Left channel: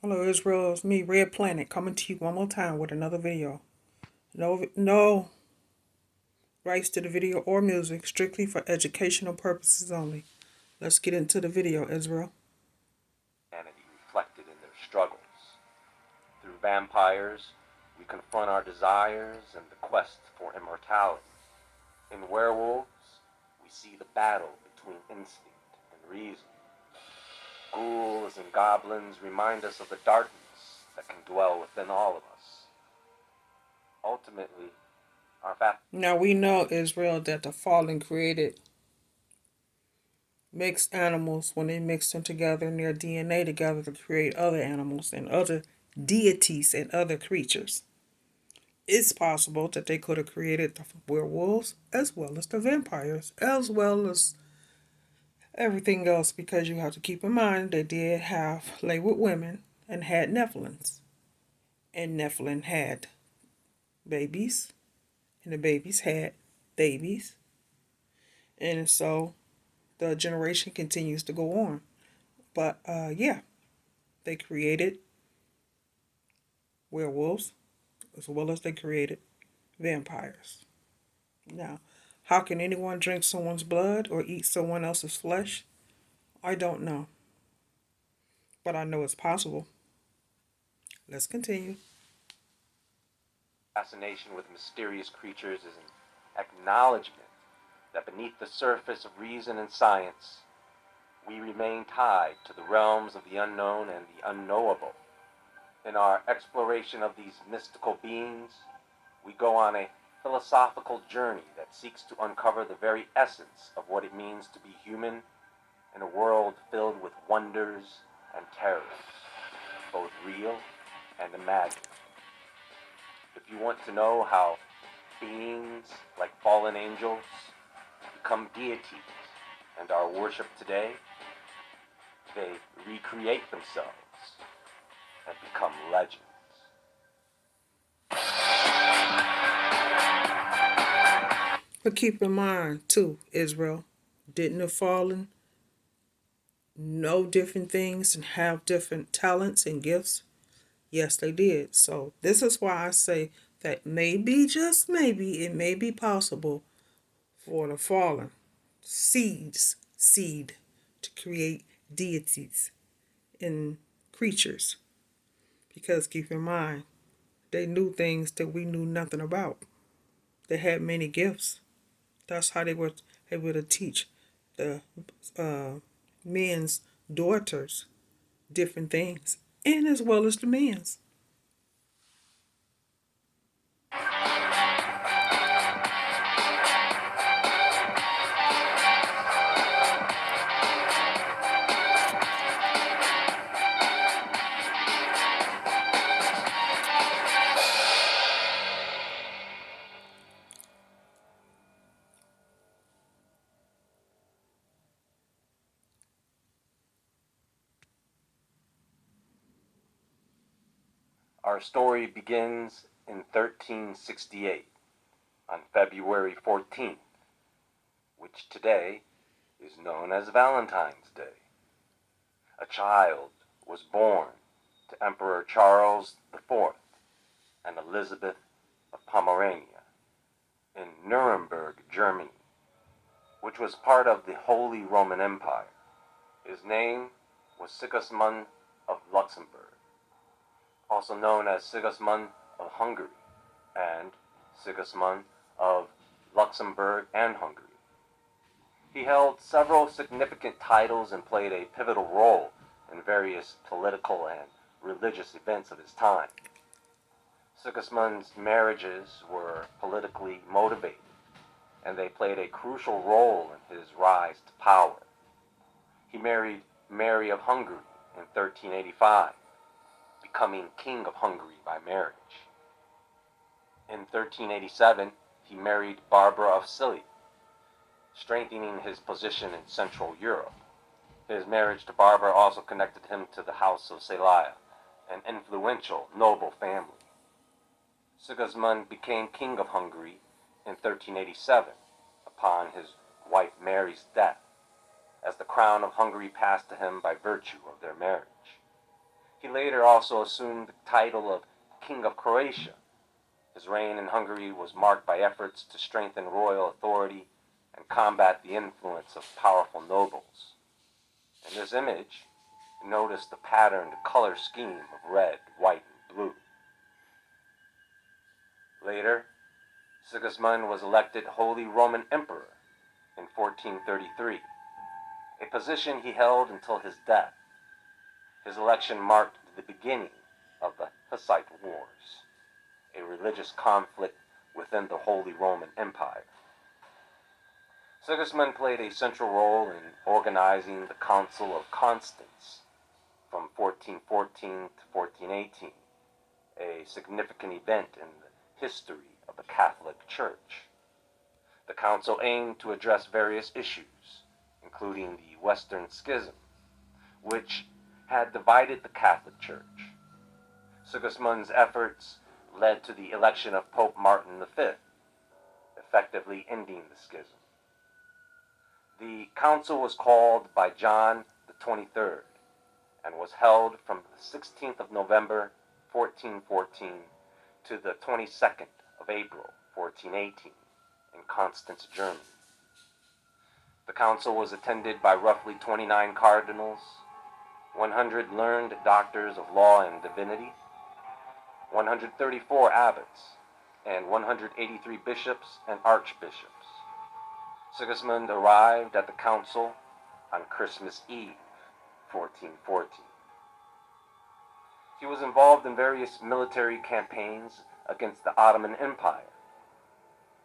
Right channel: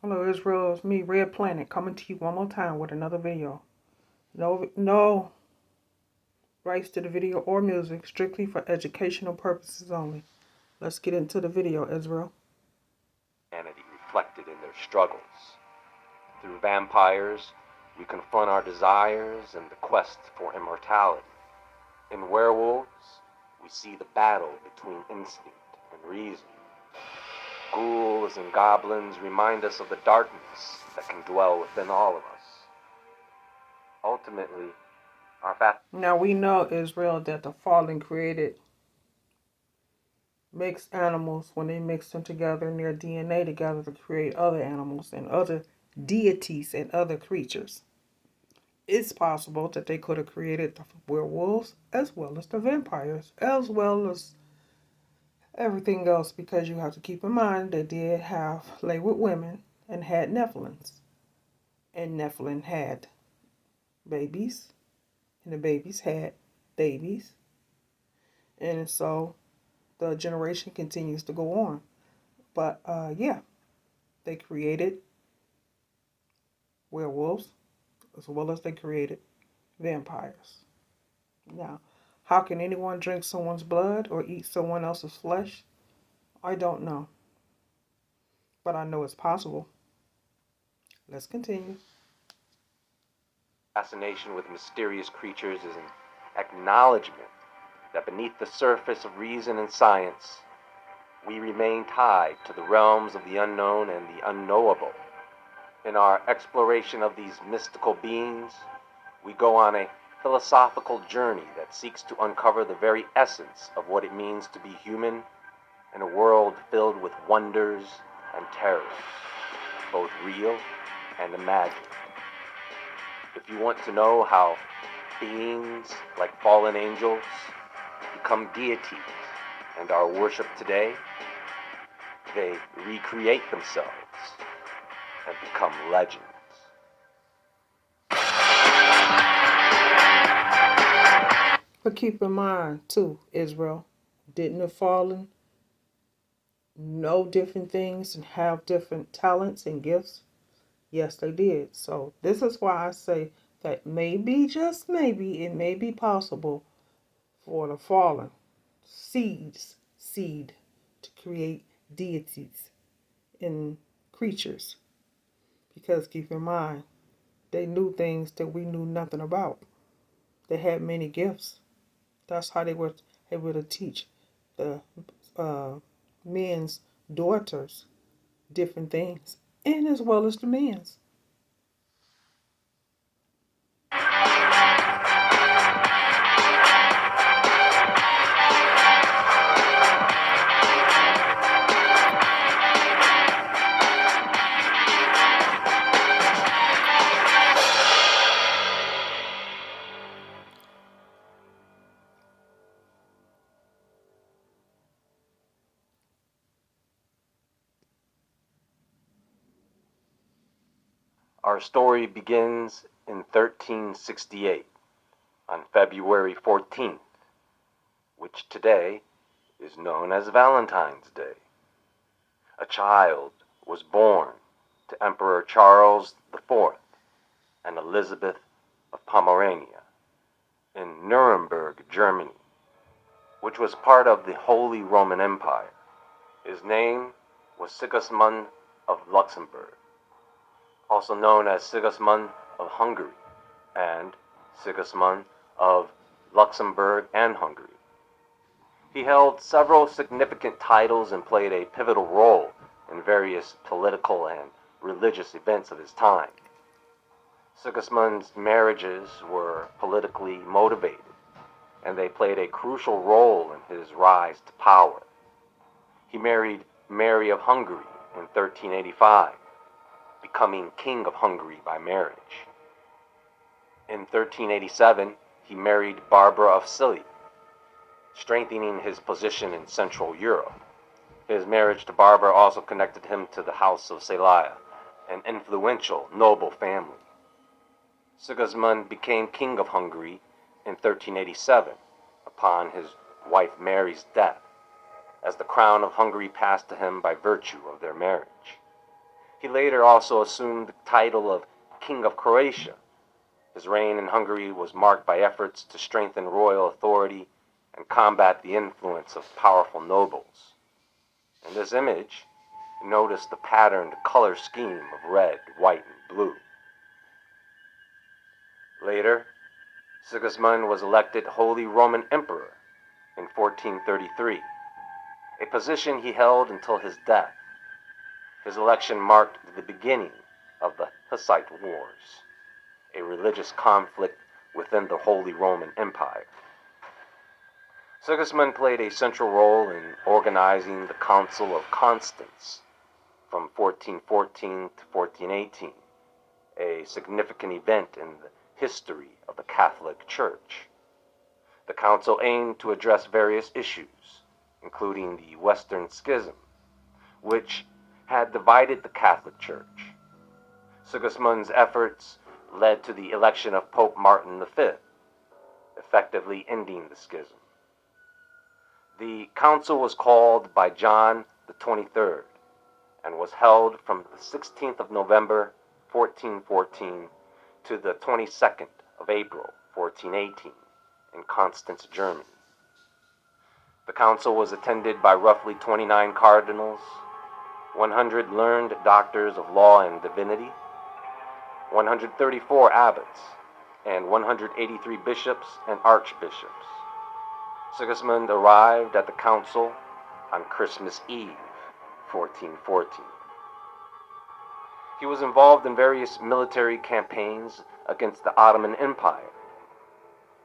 Hello, Israel. It's me, Red Planet, coming to you one more time with another video. No rights to the video or music, strictly for educational purposes only. Let's get into the video, Israel. Humanity reflected in their struggles. Through vampires, we confront our desires and the quest for immortality. In werewolves, we see the battle between instinct and reason. Ghouls and goblins remind us of the darkness that can dwell within all of us. Ultimately, our Now we know, Israel, that the fallen created mixed animals when they mixed them together in their DNA together to create other animals and other deities and other creatures. It's possible that they could have created the werewolves as well as the vampires, as well as everything else, because you have to keep in mind they did have lay with women and had Nephilims. And Nephilim had babies, and the babies had babies. And so the generation continues to go on. But yeah, they created werewolves as well as they created vampires. Now, how can anyone drink someone's blood or eat someone else's flesh? I don't know. But I know it's possible. Let's continue. fascination with mysterious creatures is an acknowledgement that beneath the surface of reason and science, we remain tied to the realms of the unknown and the unknowable. In our exploration of these mystical beings, we go on a philosophical journey that seeks to uncover the very essence of what it means to be human in a world filled with wonders and terrors, both real and imagined. If you want to know how beings like fallen angels become deities and are worshipped today, they recreate themselves and become legends. But keep in mind, too, Israel, didn't the fallen know different things and have different talents and gifts? Yes, they did. So this is why I say that maybe, just maybe, it may be possible for the fallen seed to create deities and creatures. Because keep in mind, they knew things that we knew nothing about. They had many gifts. That's how they were able to teach the uh, men's daughters different things, and as well as the men's. Our story begins in 1368 on February 14th, which today is known as Valentine's Day. A child was born to Emperor Charles IV and Elizabeth of Pomerania in Nuremberg, Germany, which was part of the Holy Roman Empire. His name was Sigismund of Luxembourg, also known as Sigismund of Hungary and Sigismund of Luxembourg and Hungary. He held several significant titles and played a pivotal role in various political and religious events of his time. Sigismund's marriages were politically motivated, and they played a crucial role in his rise to power. He married Mary of Hungary in 1385, becoming King of Hungary by marriage. In 1387, he married Barbara of Cilly, strengthening his position in Central Europe. His marriage to Barbara also connected him to the House of Celaya, an influential noble family. Sigismund became King of Hungary in 1387 upon his wife Mary's death, as the crown of Hungary passed to him by virtue of their marriage. He later also assumed the title of King of Croatia. His reign in Hungary was marked by efforts to strengthen royal authority and combat the influence of powerful nobles. In this image, you notice the patterned color scheme of red, white, and blue. Later, Sigismund was elected Holy Roman Emperor in 1433, a position he held until his death. His election marked the beginning of the Hussite Wars, a religious conflict within the Holy Roman Empire. Sigismund played a central role in organizing the Council of Constance from 1414 to 1418, a significant event in the history of the Catholic Church. The council aimed to address various issues, including the Western Schism, which had divided the Catholic Church. Sigismund's efforts led to the election of Pope Martin V, effectively ending the schism. The council was called by John the 23rd and was held from the 16th of November 1414 to the 22nd of April 1418 in Constance, Germany. The council was attended by roughly 29 cardinals, 100 learned doctors of law and divinity, 134 abbots, and 183 bishops and archbishops. Sigismund arrived at the council on Christmas Eve, 1414. He was involved in various military campaigns against the Ottoman Empire.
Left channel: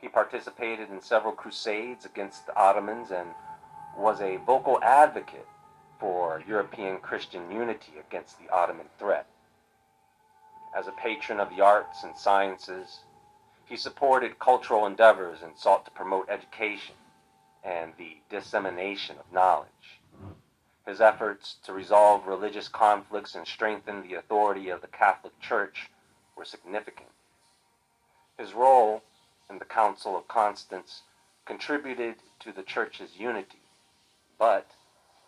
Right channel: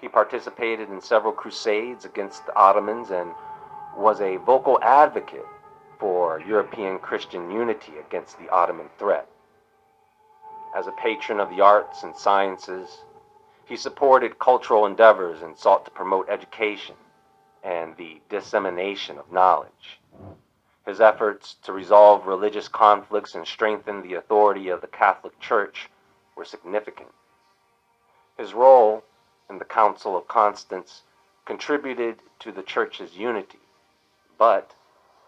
He participated in several crusades against the Ottomans and was a vocal advocate for European Christian unity against the Ottoman threat. As a patron of the arts and sciences, he supported cultural endeavors and sought to promote education and the dissemination of knowledge. His efforts to resolve religious conflicts and strengthen the authority of the Catholic Church were significant. His role in the Council of Constance contributed to the Church's unity, but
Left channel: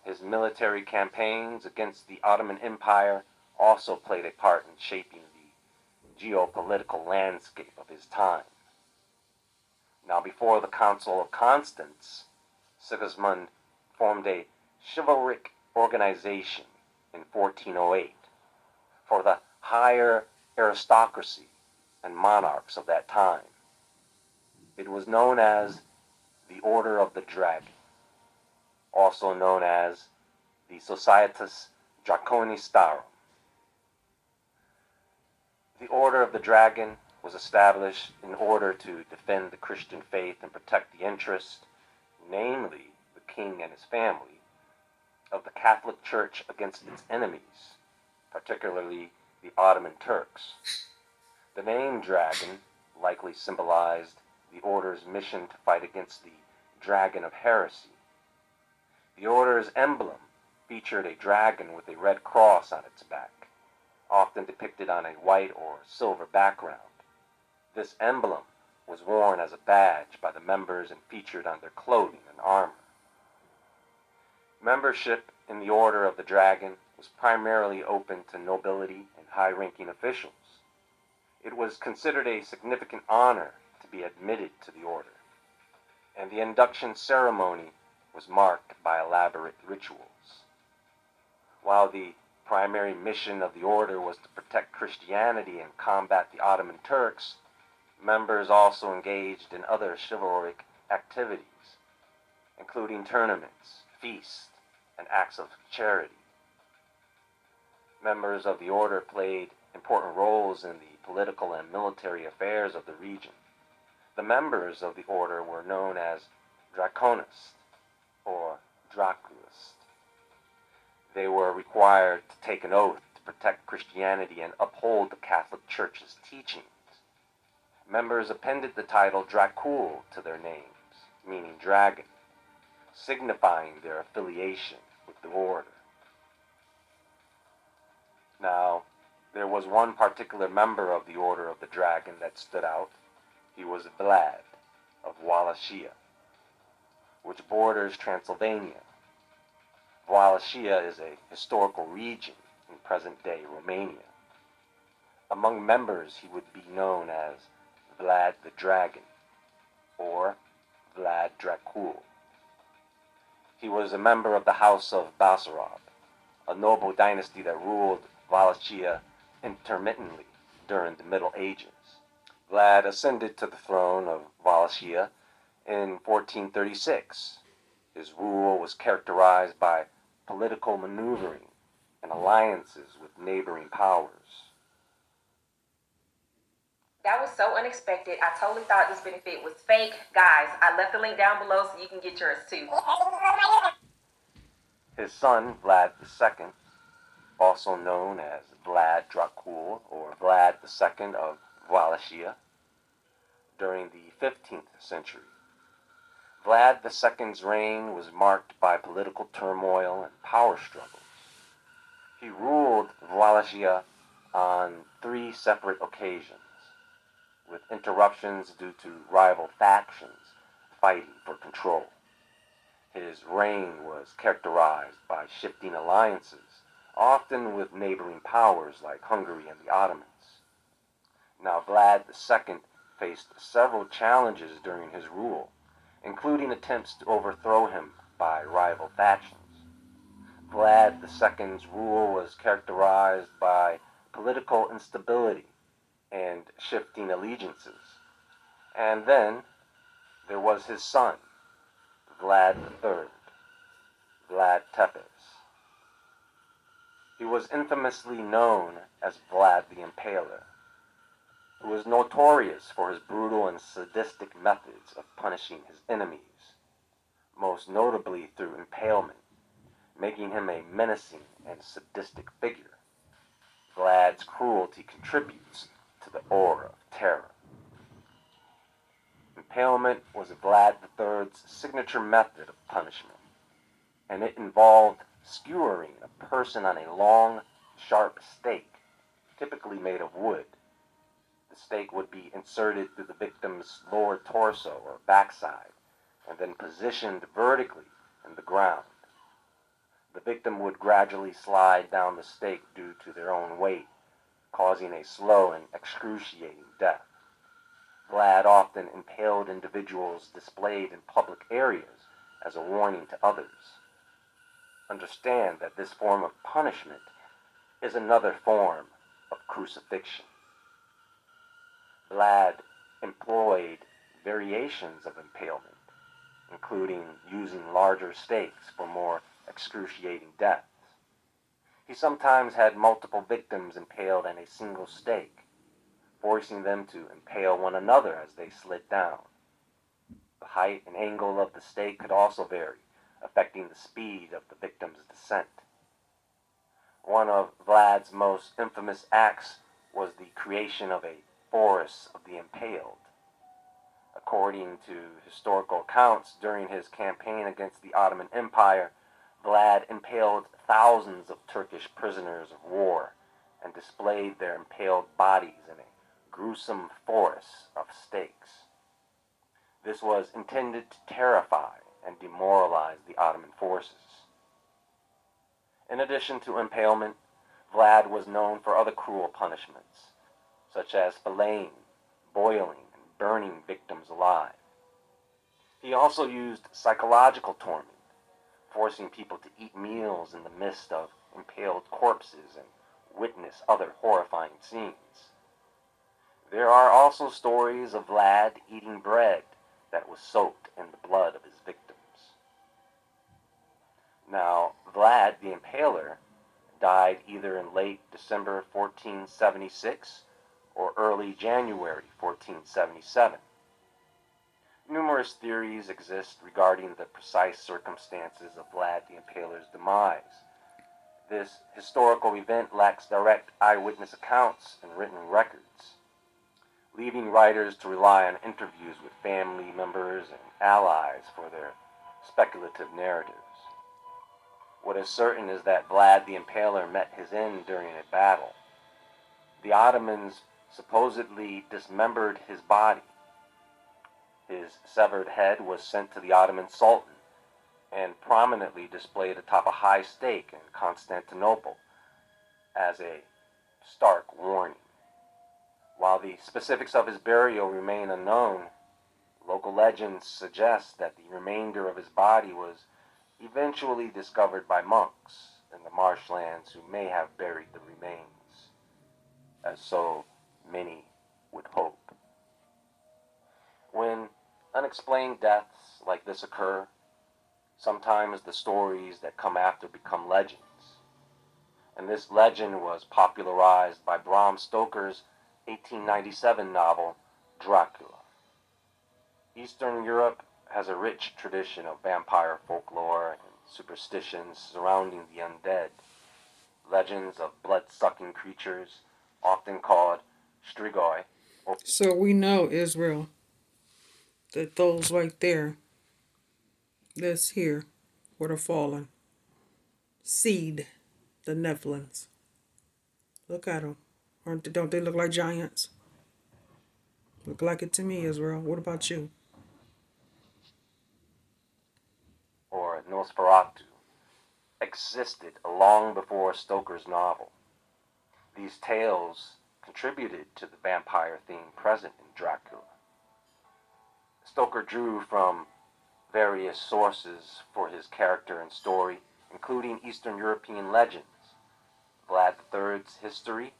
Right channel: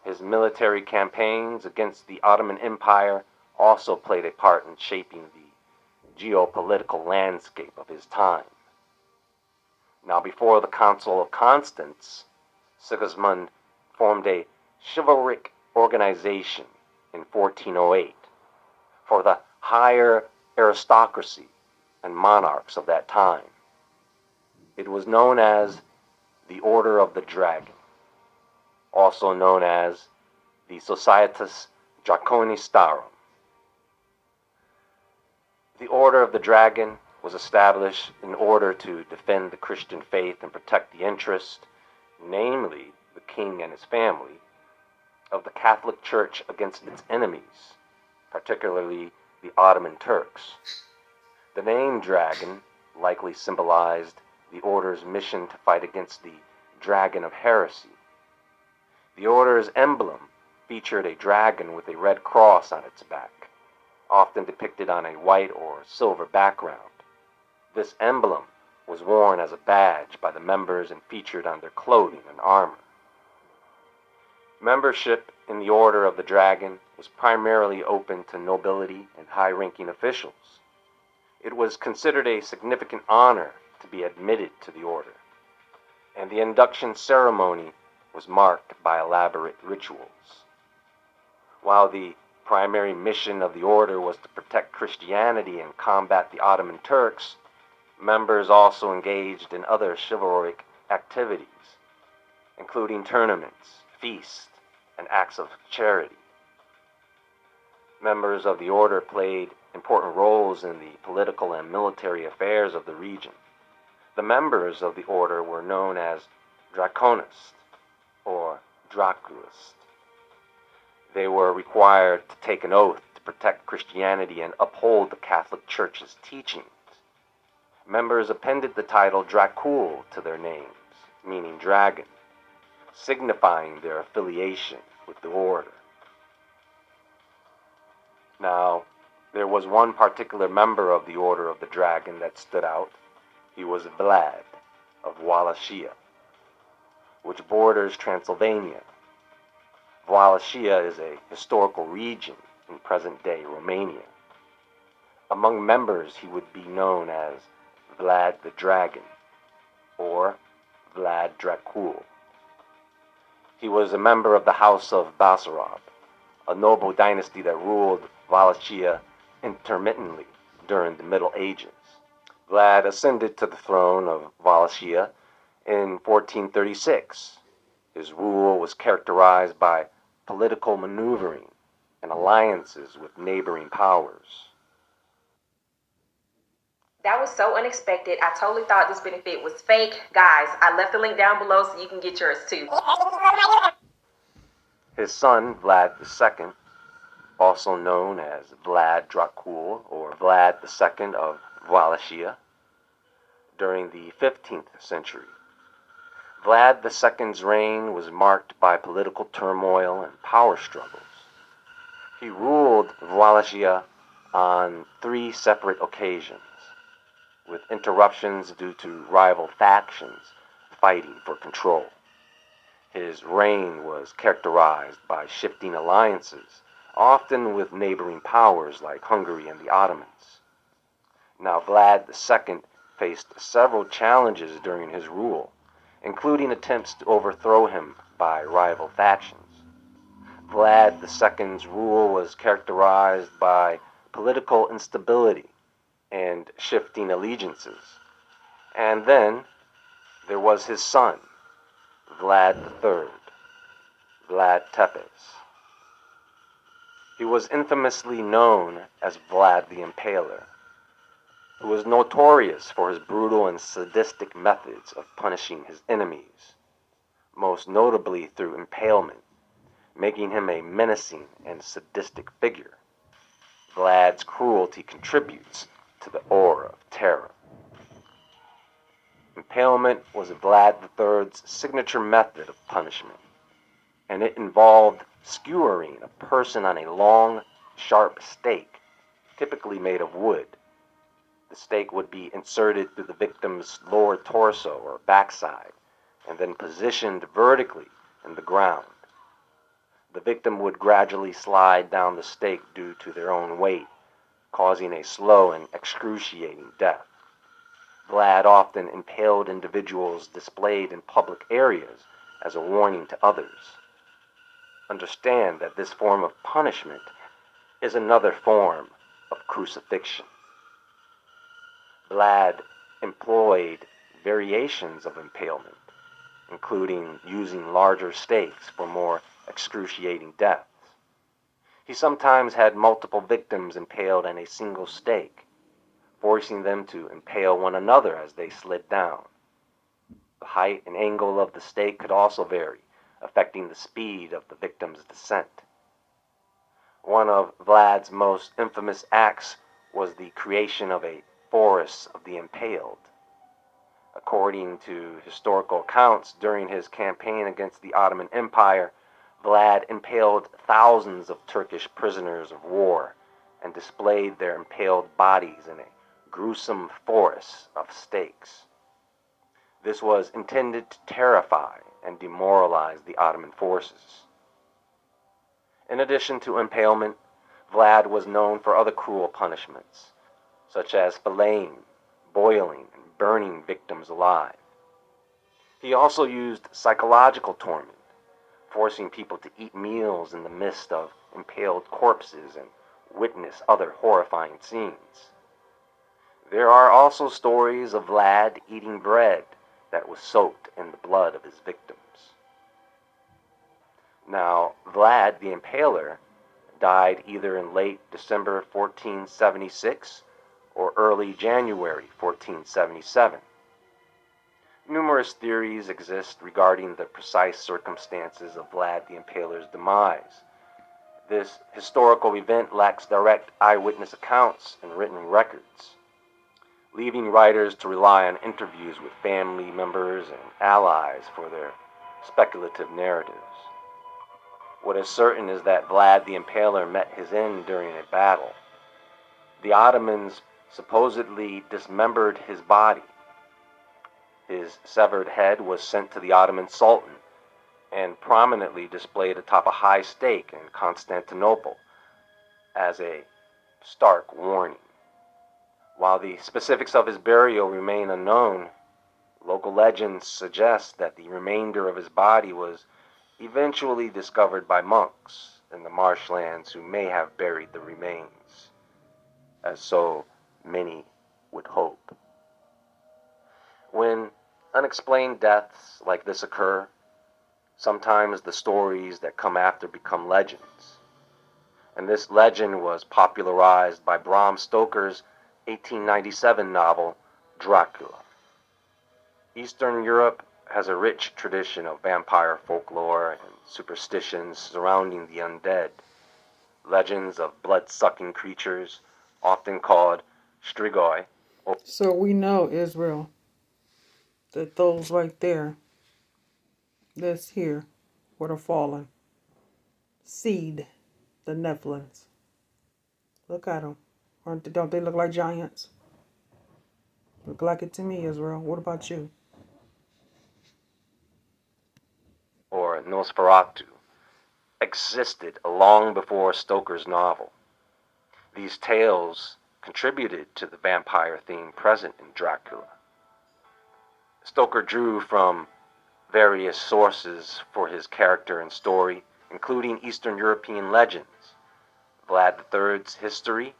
his military campaigns against the Ottoman Empire also played a part in shaping the geopolitical landscape of his time. Now, before the Council of Constance, Sigismund formed a chivalric organization in 1408 for the higher aristocracy and monarchs of that time. It was known as the Order of the Dragon, also known as the Societas Draconistarum. The Order of the Dragon was established in order to defend the Christian faith and protect the interest, namely the king and his family, of the Catholic Church against its enemies, particularly the Ottoman Turks. The name dragon likely symbolized the order's mission to fight against the dragon of heresy. The order's emblem featured a dragon with a red cross on its back, often depicted on a white or silver background. This emblem was worn as a badge by the members and featured on their clothing and armor. Membership in the Order of the Dragon was primarily open to nobility and high-ranking officials. It was considered a significant honor to be admitted to the order, and the induction ceremony was marked by elaborate rituals. While the primary mission of the order was to protect Christianity and combat the Ottoman Turks, members also engaged in other chivalric activities, including tournaments, feasts, and acts of charity. Members of the order played important roles in the political and military affairs of the region. The members of the order were known as Draconists or Draculists. They were required to take an oath to protect Christianity and uphold the Catholic Church's teachings. Members appended the title Dracul to their names, meaning dragon, signifying their affiliation with the order. Now, there was one particular member of the Order of the Dragon that stood out. He was Vlad of Wallachia, which borders Transylvania. Wallachia is a historical region in present-day Romania. Among members, he would be known as Vlad the Dragon, or Vlad Dracul. He was a member of the House of Basarab, a noble dynasty that ruled Wallachia intermittently during the Middle Ages. Vlad ascended to the throne of Wallachia in 1436. His rule was characterized by political maneuvering and alliances with neighboring powers. That was so unexpected. I totally thought this benefit was fake. Guys, I left the link down below so you can get yours too. His son, Vlad II, also known as Vlad Dracul or Vlad II of Wallachia, during the 15th century. Vlad II's reign was marked by political turmoil and power struggles. He ruled Wallachia on 3 separate occasions, with interruptions due to rival factions fighting for control. His reign was characterized by shifting alliances, often with neighboring powers like Hungary and the Ottomans. Now, Vlad II faced several challenges during his rule, including attempts to overthrow him by rival factions. Vlad II's rule was characterized by political instability and shifting allegiances. And then there was his son, Vlad III, Vlad Tepes. He was infamously known as Vlad the Impaler, who was notorious for his brutal and sadistic methods of punishing his enemies, most notably through impalement, making him a menacing and sadistic figure. Vlad's cruelty contributes to the aura of terror. Impalement was Vlad III's signature method of punishment, and it involved skewering a person on a long, sharp stake, typically made of wood. The stake would be inserted through the victim's lower torso or backside, and then positioned vertically in the ground. The victim would gradually slide down the stake due to their own weight, causing a slow and excruciating death. Vlad often impaled individuals displayed in public areas as a warning to others. Understand that this form of punishment is another form of crucifixion. Vlad employed variations of impalement, including using larger stakes for more excruciating deaths. He sometimes had multiple victims impaled on a single stake, forcing them to impale one another as they slid down. The height and angle of the stake could also vary, affecting the speed of the victim's descent. One of Vlad's most infamous acts was the creation of a forest of the impaled. According to historical accounts, during his campaign against the Ottoman Empire, Vlad impaled thousands of Turkish prisoners of war and displayed their impaled bodies in a gruesome forest of stakes. This was intended to terrify and demoralize the Ottoman forces. In addition to impalement, Vlad was known for other cruel punishments, such as filleting, boiling, and burning victims alive. He also used psychological torment, forcing people to eat meals in the midst of impaled corpses and witness other horrifying scenes. There are also stories of Vlad eating bread that was soaked in the blood of his victims. Now, Vlad the Impaler died either in late December 1476 or early January 1477. Numerous theories exist regarding the precise circumstances of Vlad the Impaler's demise. This historical event lacks direct eyewitness accounts and written records, leaving writers to rely on interviews with family members and allies for their speculative narratives. What is certain is that Vlad the Impaler met his end during a battle. The Ottomans supposedly dismembered his body. His severed head was sent to the Ottoman Sultan and prominently displayed atop a high stake in Constantinople as a stark warning. While the specifics of his burial remain unknown, local legends suggest that the remainder of his body was eventually discovered by monks in the marshlands who may have buried the remains, as so many would hope. When unexplained deaths like this occur, sometimes the stories that come after become legends. And this legend was popularized by Bram Stoker's 1897 novel, Dracula. Eastern Europe has a rich tradition of vampire folklore and superstitions surrounding the undead. Legends of blood-sucking creatures, often called strigoi. So we know, Israel, that those right there, that's here, were the fallen seed, the Nephilims. Look at them. Don't they look like giants? Look like it to me, Israel. What about you? Or Nosferatu, existed long before Stoker's novel. These tales contributed to the vampire theme present in Dracula. Stoker drew from various sources for his character and story, including Eastern European legends, Vlad III's history,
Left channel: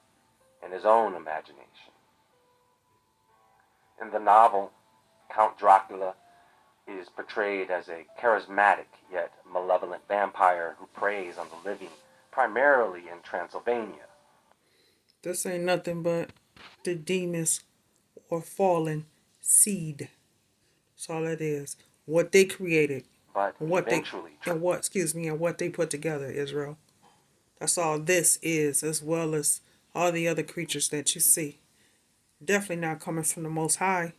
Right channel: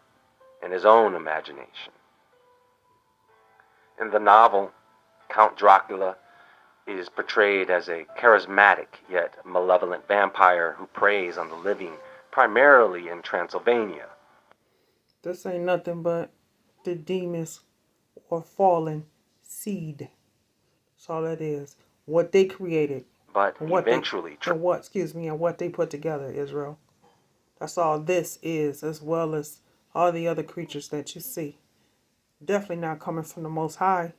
and his own imagination. In the novel, Count Dracula is portrayed as a charismatic yet malevolent vampire who preys on the living primarily in Transylvania. This ain't nothing but the demons or fallen seed. That's all that is. What they created. But And eventually, and what they put together, Israel. That's all this is, as well as all the other creatures that you see. Definitely not coming from the Most High.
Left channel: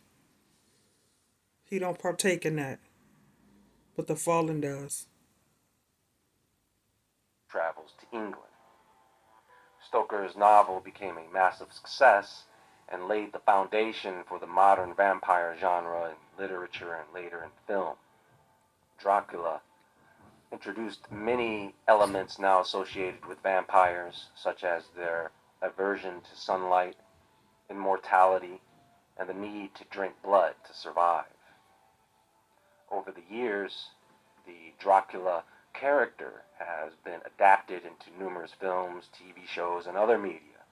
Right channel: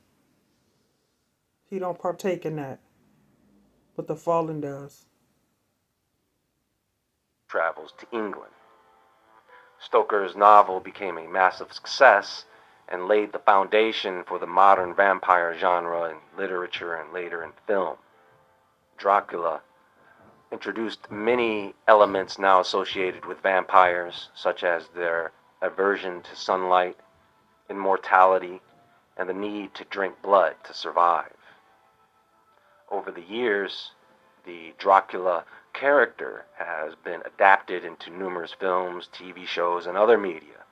He don't partake in that. But the fallen does. travels to England. Stoker's novel became a massive success and laid the foundation for the modern vampire genre in literature and later in film. Dracula introduced many elements now associated with vampires, such as their aversion to sunlight, immortality, and the need to drink blood to survive. Over the years, the Dracula character has been adapted into numerous films, TV shows, and other media.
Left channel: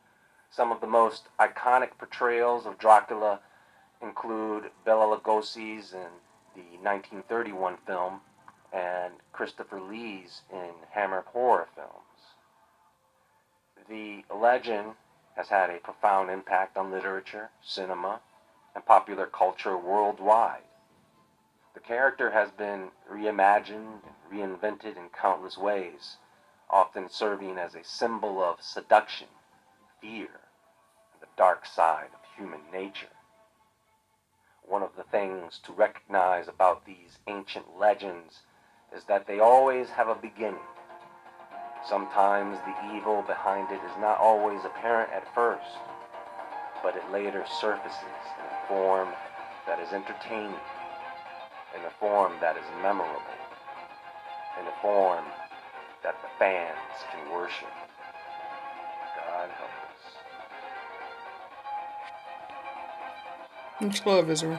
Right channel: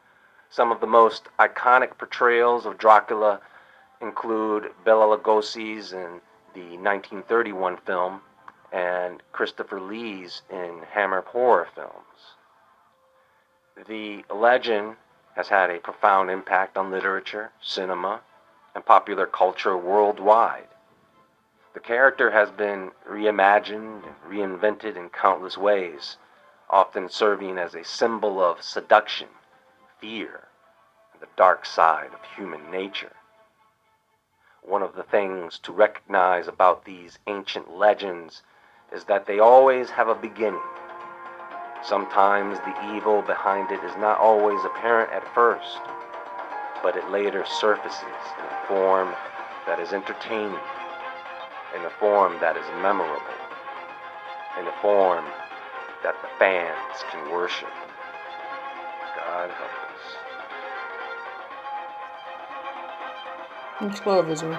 Some of the most iconic portrayals of Dracula include Bela Lugosi's in the 1931 film and Christopher Lee's in Hammer horror films. The legend has had a profound impact on literature, cinema, and popular culture worldwide. The character has been reimagined and reinvented in countless ways, often serving as a symbol of seduction, fear, and the dark side of human nature. One of the things to recognize about these ancient legends is that they always have a beginning. Sometimes the evil behind it is not always apparent at first, but it later surfaces in a form that is entertaining, in a form that is memorable, in a form that the fans can worship. God help us. Much love, Israel.